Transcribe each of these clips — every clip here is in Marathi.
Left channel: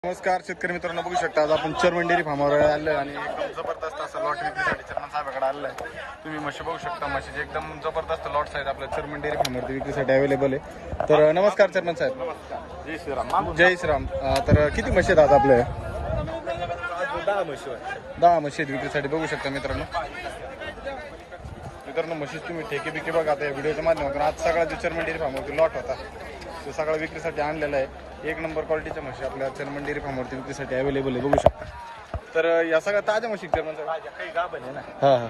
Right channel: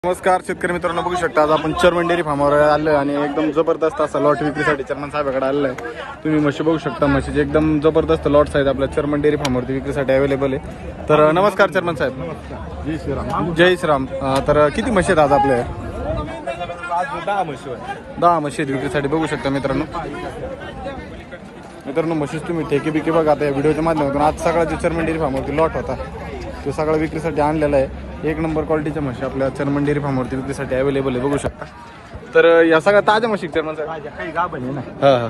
नमस्कार शेतकरी मित्रांनो, बघू शकता आज आपण चर्मन डेअरी फार्मवर आलोय आणि एकदम जबरदस्त असा लॉट विक्रीसाठी चर्मन साहेबाकडे आलेला आहे। तुम्ही म्हशी बघू शकता, म्हशीचे एकदम जबरदस्त लॉट्स आहेत आपल्या चर्मन डेअरी फार्मवरती विक्रीसाठी अवेलेबल आहे। तर नमस्कार चर्मन साहेब। जय श्रीराम। जय श्रीराम। तर किती म्हशी आहेत आज आपल्या? 10 म्हशी आहेत विक्रीसाठी, बघू शकता मित्रांनो। म्हशीच तुम्ही ठेके बिके बघा आता या व्हिडिओच्या माध्यमातून। आज सकाळच्या चर्मन डेअरी फार्मवरती लॉट होता, तो सगळा विक्रीसाठी आणलेला आहे। एक नंबर क्वालिटीच्या म्हशी आपल्या चर्मन डेअरी फार्मवरती विक्रीसाठी अवेलेबल आहे, बघू शकता। तर या सगळ्या ताज्या म्हशी चर्मन साहेब? काही गाभण आहे ना,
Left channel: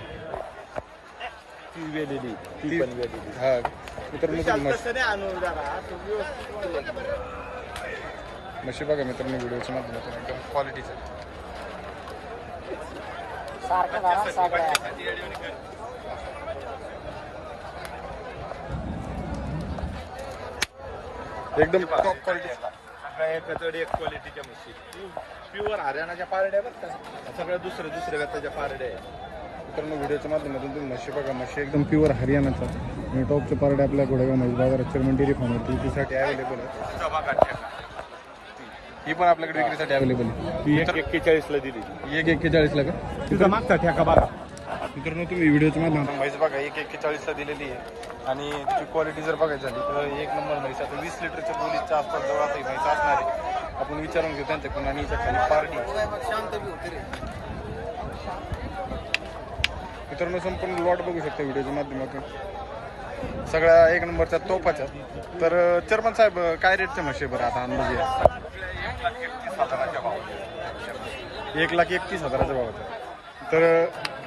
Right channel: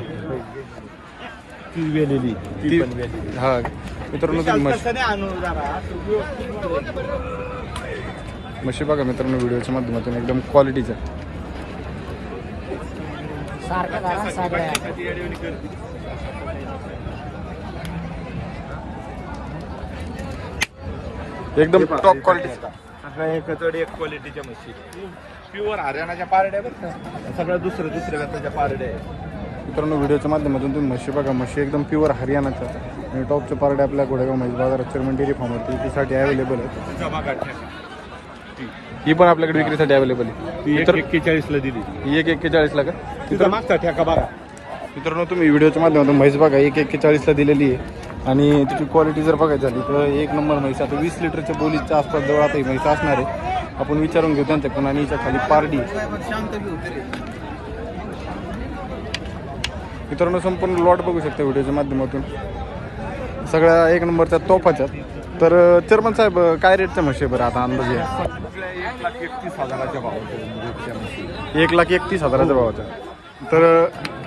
हा मित्रांनो, तुम्ही म्हशी बघा मित्रांनो व्हिडिओच्या माध्यमातून, एकदम क्वालिटीच्या। एकदम टॉप क्वालिटी, सगळ्या एकचड एक क्वालिटीच्या म्हशी, प्युअर हरियाणाच्या पारड्या, सगळ्या दुसऱ्या गटाच्या पारड्या आहे। मित्रांनो व्हिडिओच्या माध्यमातून तुम्ही म्हशी बघा, म्हशी एकदम प्युअर हरियाणाच्या आणि टॉपचे पारडे आपल्या घोडेगाव म्हशी बाजारात चर्मन डेअरी फार्मवरती विक्रीसाठी अवेलेबल आहे। ही पण आपल्याकडे विक्रीसाठी अवेलेबल आहे। 41 ला दिली, 141 ला का? तिथं मागचा ठेका बघा मित्रांनो, तुम्ही व्हिडिओच्या माध्यमातून म्हैस बघा 141 ला दिलेली आहे आणि तिची क्वालिटी जर बघायची झाली तर एक नंबर म्हैस। आता 20 लिटरच्या बोलीच्या आसपास जवळ आता ही म्हैस असणार आहे, आपण विचारून घेऊ त्यांच्याकडून। आणि हिच्या खाली पारडी मित्रांनो, संपूर्ण लॉट बघू शकता व्हिडिओच्या माध्यमातून, सगळ्या एक नंबरच्या तोफाच्या। तर चर्मन साहेब, काय रेटच्या म्हशी बरं आता अंदाजे? 1,31,000च्या भावाच्या, 1,31,000च्या भावाच्या। तर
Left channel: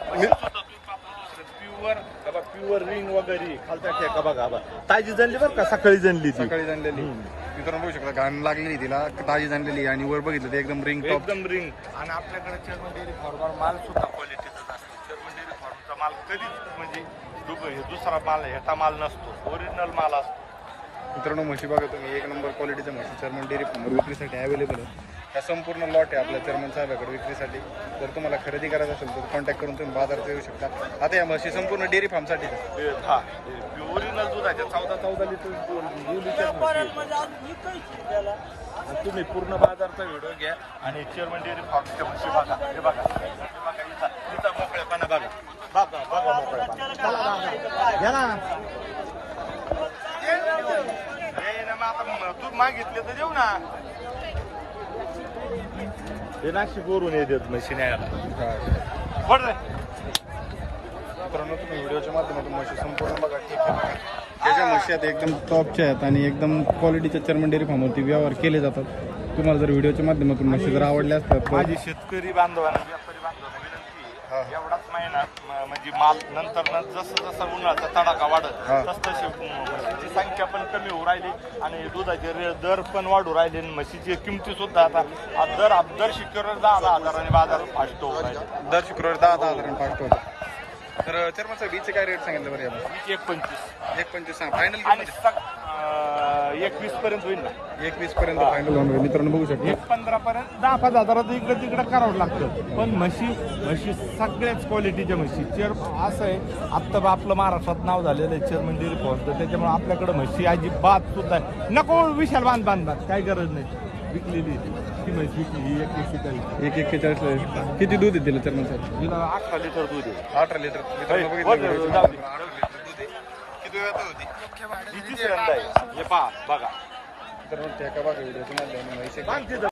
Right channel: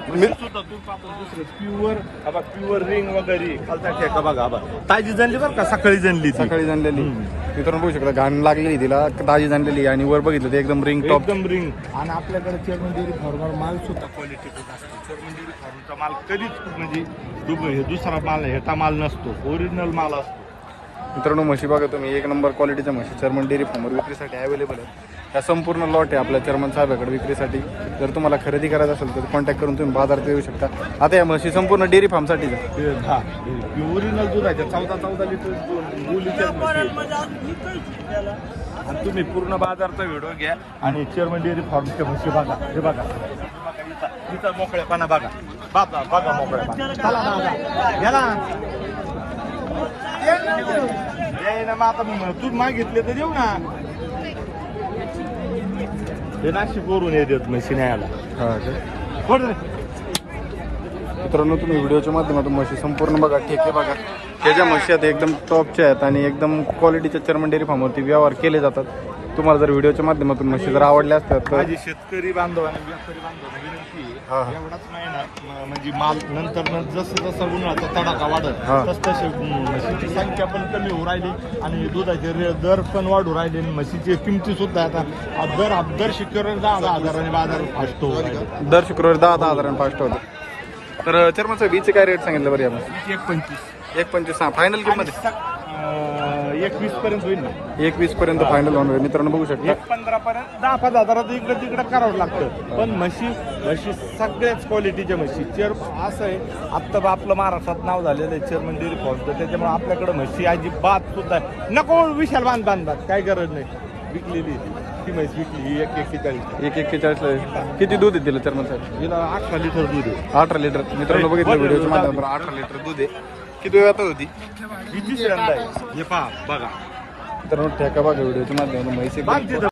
प्युअर रिंग वगैरे ठेका बघा, ताजी जनली बरं का, सकाळी जनलेली मित्रांनो बघू शकता, घाण लागलेली तिला, ताजी जनलेली आणि वर बघितलं ते एकदम रिंग टॉप, एकदम रिंग। आणि आपल्याकडे चर्मन डेअरी फार्मवर माल सुद्धा क्वालिटीचा असतो। चर्मन डेअरी फार्मचा माल कधीच म्हणजे दुसरा माल ह्याचा माल नसतो, ओरिजिनल माल असतो। मित्रांनो म्हशी बघा तुम्ही, एक नंबर क्वालिटीच्या म्हशी चर्मन डेअरी फार्मवर विक्रीसाठी अवेलेबल आहे। त्या संपूर्ण लॉट आहे आपल्या चर्मन साहेबाकडे विक्रीसाठी। जर तुम्हाला खरेदी करायचं असेल तर कॉन्टॅक्ट करून तुम्ही बाजारात येऊ शकता। आता या म्हशी संपूर्ण डेअरी फार्मसाठी ओरिजिनल दुधाच्या 14 लिटर बोलीच्या आणि तुम्ही पूर्ण बाजारचा व्हिडिओ घ्या आणि चर्मन डेअरी फार्मच्या म्हशी बघा। हे बघा इथं मोकळ्यापणा बघा, बघा मोकळ्यापणा। आता तू मागितले तर देऊ ना, ते नाशिक वरून येतात म्हशी न्यायला। मित्रांनो तुम्ही व्हिडिओच्या माध्यमातून म्हशी संपूर्ण बघा, ठेके बघा, त्याच्या म्हशी आहेत एकदम टॉपच्या आहेत आणि एकदम क्वालिटीच्या चर्मन डेअरी फार्मवरती व्यवहार केले जातात। तुम्हाला जर व्हिडिओच्या माध्यमातून म्हशी जर आवडल्या असतात तर माझी शेतकरी बांधवांना विनंती आहे, एवढाच महिन्यात म्हणजे माल नंतर जसं उन्हाचा तडाखा वाढत तसं म्हशीची संख्या पण कमी होऊ राहिली आणि दुधाचे दर पण वाढू राहिले। म्हशीची किमती सुद्धा आता दर शुक्रवारी 10,000 बाजार असतो, दर शुक्रवारी 10,000 फास्ट होतो। तर चर्मन साहेब हिचे काय रेट सांगितलं बरं? आपण 1,25 फायनल किंमत 1,20 पर्यंत होईल, 1,20 पर्यंत फायनल होऊन मित्रांनो बघू शकता। 1,15 पर्यंत 10,000 हजारात इकडे तिकडे करावं लागतं। पण म्हशी सगळ्याच क्वालिटीच्या म्हशी। असं आहे, आत्ता आपलं महाराष्ट्रात नाव झालेलं आहे चर्मन डेअरी फार्मचं, त्याच्यामुळे आपल्याकडे म्हशी अजिबात सुद्धा नको विशाल बांधतात, काही गरज नाही। विकलेली ती म्हैस विकली 1,41 ला। किती दूध आहे तिला चर्मन साहेब? तिला 18 लिटर दूध आहे, 18 लिटर। मित्रांनो बघितलं व्हिडिओच्या माध्यमातून 18 लिटर दूध आहे। किती वेळ आता होती? बघा मित्रांनो ठेका बघा व्हिडिओच्या माध्यमातून म्हैस